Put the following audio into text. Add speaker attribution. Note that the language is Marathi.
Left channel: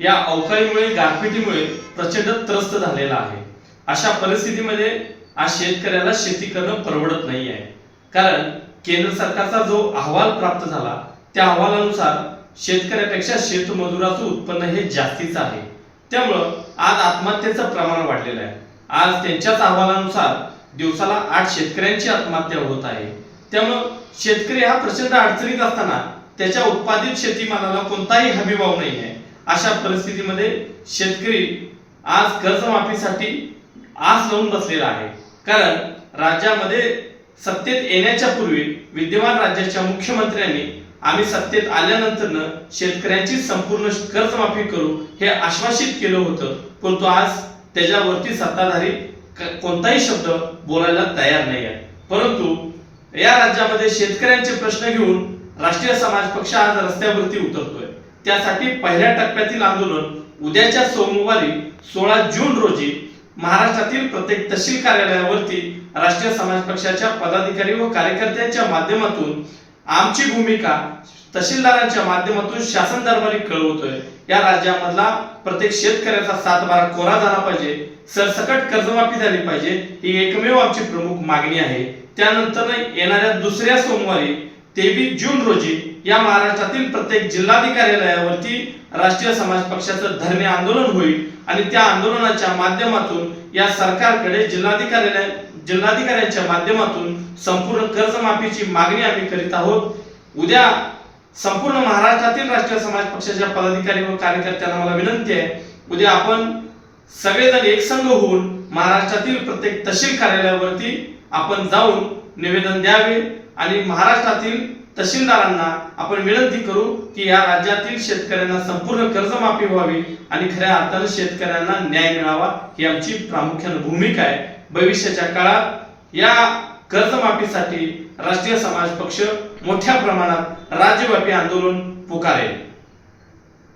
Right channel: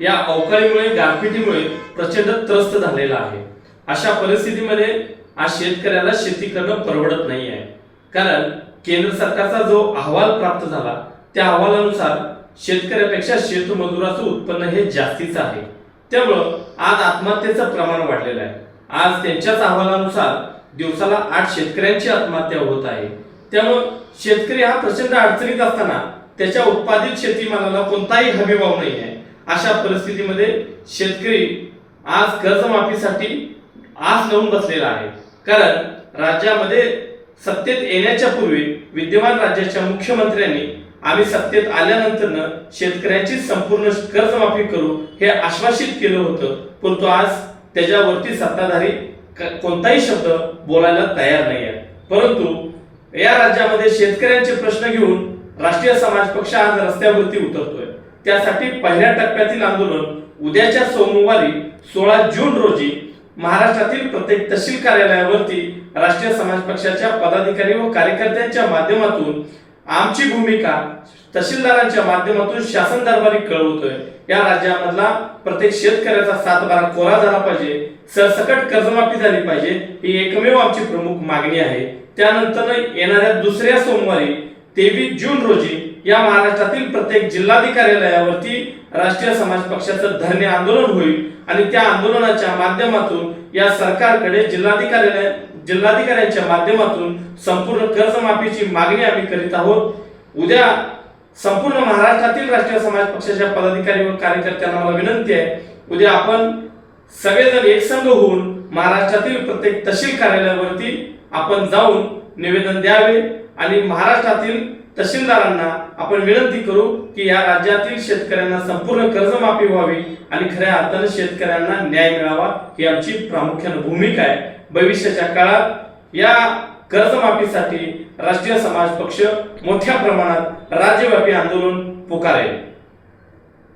Speaker 1: या अवकाळीमुळे गारपिटीमुळे प्रचंड त्रस्त झालेला आहे. अशा परिस्थितीमध्ये आज शेतकऱ्याला शेती करणं परवडत नाही आहे. कारण केंद्र सरकारचा जो अहवाल प्राप्त झाला त्या अहवालानुसार शेतकऱ्यापेक्षा शेतमजुराचं उत्पन्न हे जास्तीचं आहे. त्यामुळं आज आत्महत्येचं प्रमाण वाढलेलं आहे. आज त्यांच्याच अहवालानुसार दिवसाला आठ शेतकऱ्यांची आत्महत्या होत आहे. त्यामुळं शेतकरी हा प्रचंड अडचणीत असताना त्याच्या उत्पादित शेतीमालाला कोणताही हमीभाव नाही आहे. अशा परिस्थितीमध्ये शेतकरी आज कर्जमाफीसाठी आस लावून बसलेला आहे. कारण राज्यामध्ये सत्तेत येण्याच्या पूर्वी विद्यमान राज्याच्या मुख्यमंत्र्यांनी आम्ही सत्तेत आल्यानंतरनं शेतकऱ्यांची संपूर्ण कर्जमाफी करू हे आश्वासित केलं होतं. परंतु आज त्याच्यावरती सत्ताधारी कोणताही शब्द बोलायला तयार नाही आहे परंतु या राज्यामध्ये शेतकऱ्यांचे प्रश्न घेऊन राष्ट्रीय समाज पक्ष आज रस्त्यावरती उतरतोय. त्यासाठी पहिल्या टप्प्यातील आंदोलन उद्याच्या सोमवारी सोळा जून रोजी महाराष्ट्रातील प्रत्येक तहसील कार्यालयावरती राष्ट्रीय समाज पक्षाच्या पदाधिकारी व कार्यकर्त्यांच्या माध्यमातून आमची भूमिका तहसीलदारांच्या माध्यमातून शासन दरबारी कळवतोय. या राज्यामधला प्रत्येक शेतकऱ्याचा सातबारा कोरा झाला पाहिजे. सरसकट कर्जमाफी झाली पाहिजे. ही एकमेव आमची प्रमुख मागणी आहे. त्यानंतर येणाऱ्या दुसऱ्या सोमवारी तेवीस जून रोजी या महाराष्ट्रातील प्रत्येक जिल्हाधिकार्यालयावरती राष्ट्रीय समाज पक्षाचं धरणे आंदोलन होईल आणि त्या आंदोलनाच्या माध्यमातून या सरकारकडे जिल्हाधिकारी जिल्हाधिकाऱ्यांच्या माध्यमातून संपूर्ण कर्जमाफीची मागणी आम्ही करीत आहोत. उद्या संपूर्ण महाराष्ट्रातील राष्ट्रीय समाज पक्षाच्या पदाधिकारी व कार्यकर्त्यांना मला विनंती आहे उद्या आपण सगळेजण एकसंघ होऊन महाराष्ट्रातील प्रत्येक तहसील कार्यालयावरती आपण जाऊन निवेदन द्यावे आणि महाराष्ट्रातील तहसीलदारांना आपण विनंती करू की या राज्यातील शेतकऱ्यांना संपूर्ण कर्जमाफी व्हावी आणि खऱ्या अर्थानं शेतकऱ्यांना न्याय मिळावा ही आमची प्रामुख्याने भूमिका आहे. भविष्याच्या काळात या कर्जमाफीसाठी राष्ट्रीय समाज पक्ष मोठ्या प्रमाणात राज्यव्यापी आंदोलन पुकारेल.